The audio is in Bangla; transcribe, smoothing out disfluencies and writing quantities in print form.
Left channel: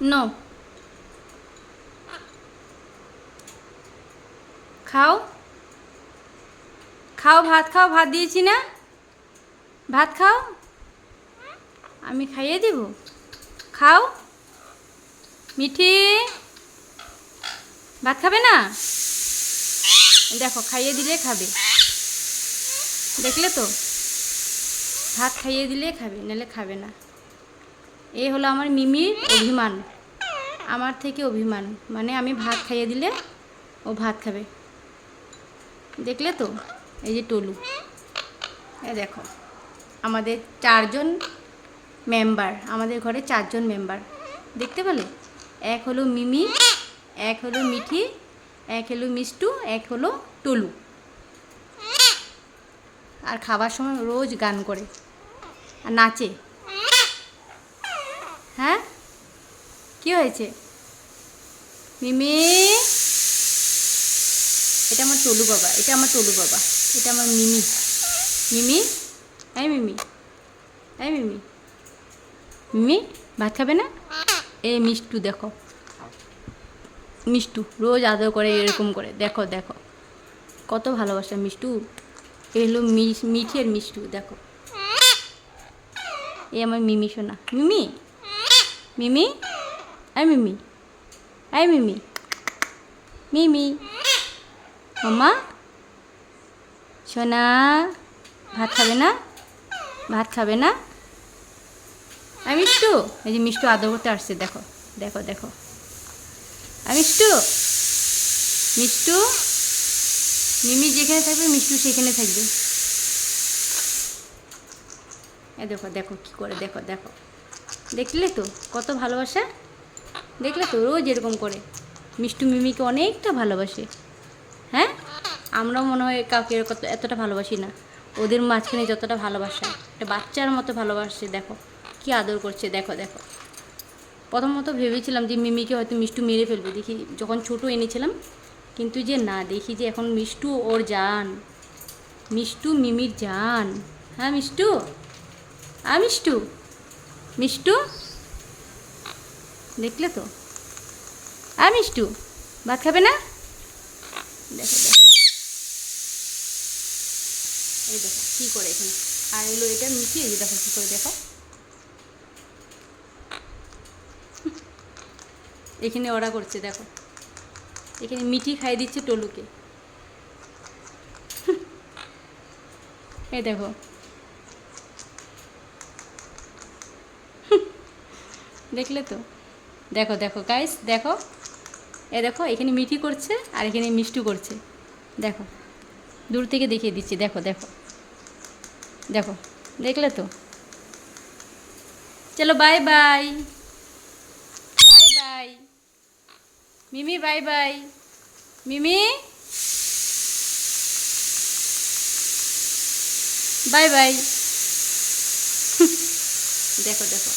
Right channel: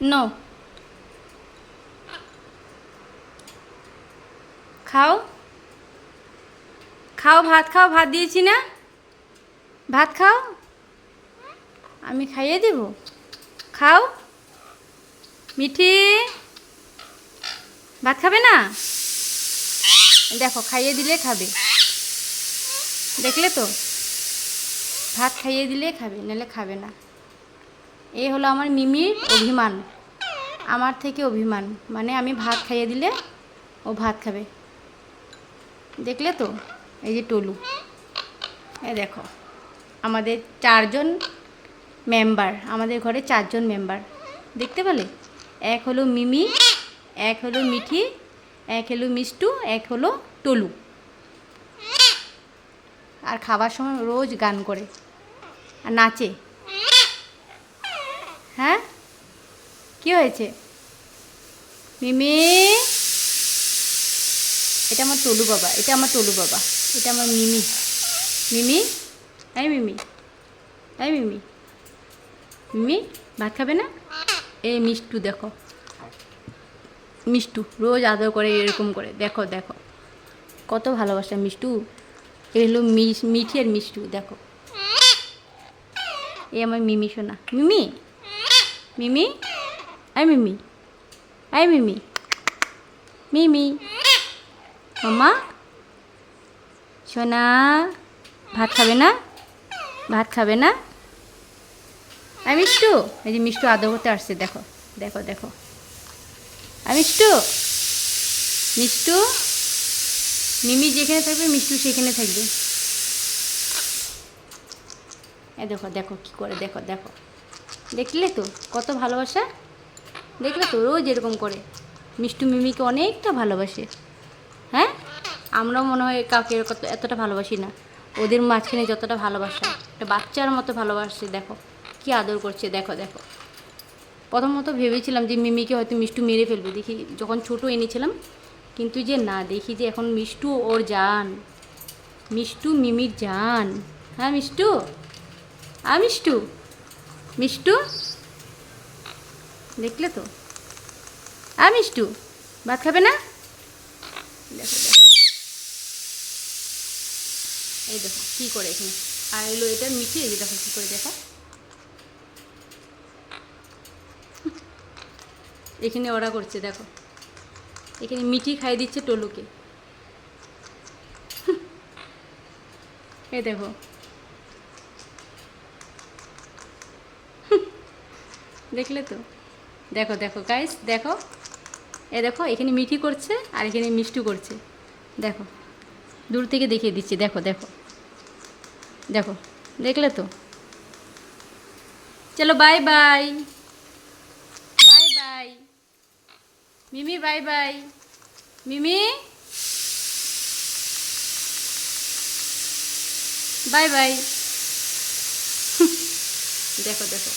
নো, খাও খাও, ভাত খাও, ভাত দিয়েছি না, ভাত খাও, আমি খাইয়ে দেব, খাও। মিঠি, ভাত খাবে না? দেখো খাইয়ে দিলে খাবে, দেখলে তো, ভাত খাইয়ে দিলে খাবে, নাহলে খাবে না। এই হলো আমার মিমির অভিমান, আমার থেকে অভিমান, মানে আমি ভাত খাইয়ে দিলে ও ভাত খাবে, দেখলে তো। এই যে টলু, এই দেখো, আমাদের 4 জন মেম্বার, আমাদের ঘরে 4 জন মেম্বার, দেখতে পেলে? এক হলো মিমি, এক হলো মিঠি, এক হলো মিষ্টু, এক হলো টলু। আর খাবার সময় রোজ গান করে আর নাচে। হ্যাঁ, কি হয়েছে মিমি? এটা আমার টলু বাবা, এটা আমার টলু বাবা, এটা আমার মিমি। মিমি, এই মিমি, এই মিমি, মিমি ভাত খাবে না? এই মিষ্টু দেখো, মিষ্টু রোজ আদর করে এরকম করে, দেখো দেখো কত ভালোবাসা মিষ্টু। এ হলো মিঠি আর মিষ্টু, দেখো। এই আমার মিমি সোনা, মিমি, মিমি, আই মিমি, আই মিমি, মিমি, মামা সোনা, ভাত খাবে না? ভাত খাবে না? আই মিষ্টু, এই যে মিষ্টু আদর করতে আসছে, দেখো দেখো দেখো, আই মিষ্টু, মিষ্টু, মিমি যেখানে থাকবে মিষ্টু সেখানে থাকবে। এ দেখো দেখো কী করে, দেখো দেখো, দেখলে তো কত ভালোবাসা, দেখলে তো রোজ এরকম করে। মিষ্টু মিমিকে অনেকটা ভালোবাসে। হ্যাঁ, আমরাও মনে হয় কাউকে এরকম এতটা ভালোবাসি না, ওদের মাঝখানে যতটা ভালোবাসা, একটা বাচ্চার মতো ভালোবাসছে, দেখো কি আদর করছে, দেখো দেখো। প্রথমত ভেবেছিলাম যে মিমিকে হয়তো মিষ্টু মেরে ফেলবে, দেখি যখন ছোটো এনেছিলাম, কিন্তু যে না, দেখি যে এখন মিষ্টু ওর জান, মিষ্টু মিমির জান। হ্যাঁ মিষ্টু, আ মিষ্টু, মিষ্টু, দেখলে তো, আ মিষ্টু, ভাত খাবে না? দেখো দেখো, এই দেখো কী করে এখানে, আর এলো এটা মিশিয়ে, এই দেখো কী করে, দেখো এখানে ওরা করছে, দেখো এখানে মিঠি খাই দিচ্ছে টলুকে, এই দেখো, দেখলে তো, দেখো দেখো গাইস, দেখো এ দেখো, এখানে মিঠি করছে আর এখানে মিষ্টু করছে, দেখো দূর থেকে দেখিয়ে দিচ্ছি, দেখো দেখো দেখো, দেখলে তো। চলো বাই বাই, বাই বাই মিমি, বাই বাই মিমি, বাই বাই। দেখো দেখো